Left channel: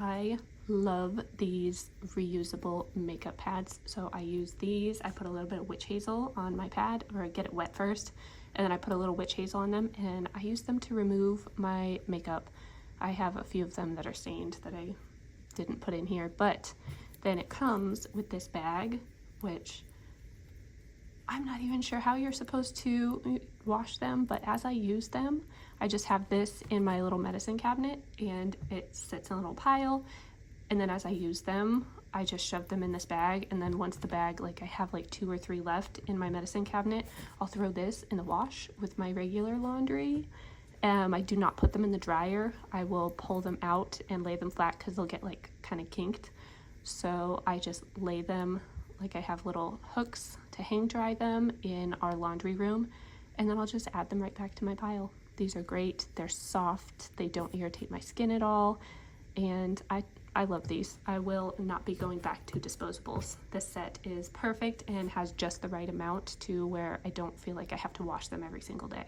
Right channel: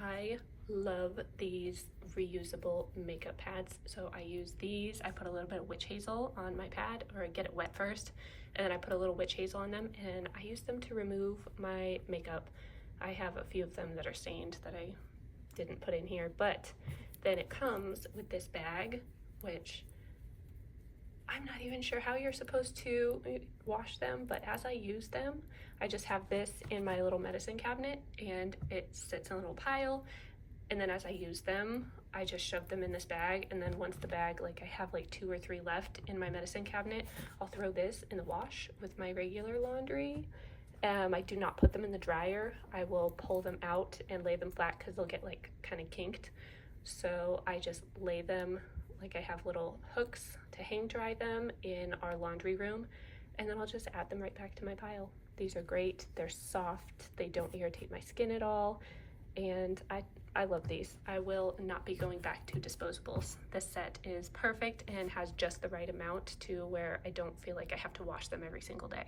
I love these reusable makeup pads. So I use these. I put a little bit of witch hazel on my pad, or I get it wet first, and then I put a little witch hazel on them, and I use them to remove my makeup. I have a few of them that are stained that I didn't put in here, but then it comes with this bag, which I'm not even sure how you're supposed to wash them, but as I use them, I just have this in my little medicine cabinet and it sits in a little pile, and then as I use them, I just shove them in this bag, and then once the bag, like I have like 2 or 3 left in my medicine cabinet, I'll throw this in the wash with my regular laundry. I do not put them in the dryer. I will pull them out and lay them flat because they'll get like kind of kinked. So I just lay them, like I have little hooks to hang dry them in our laundry room, and then I'll just add them right back to my pile. These are great. They're soft. They don't irritate my skin at all, and I love these. I will not be going back to disposables. This set is perfect and has just the right amount to where I don't feel like I have to wash them every single day.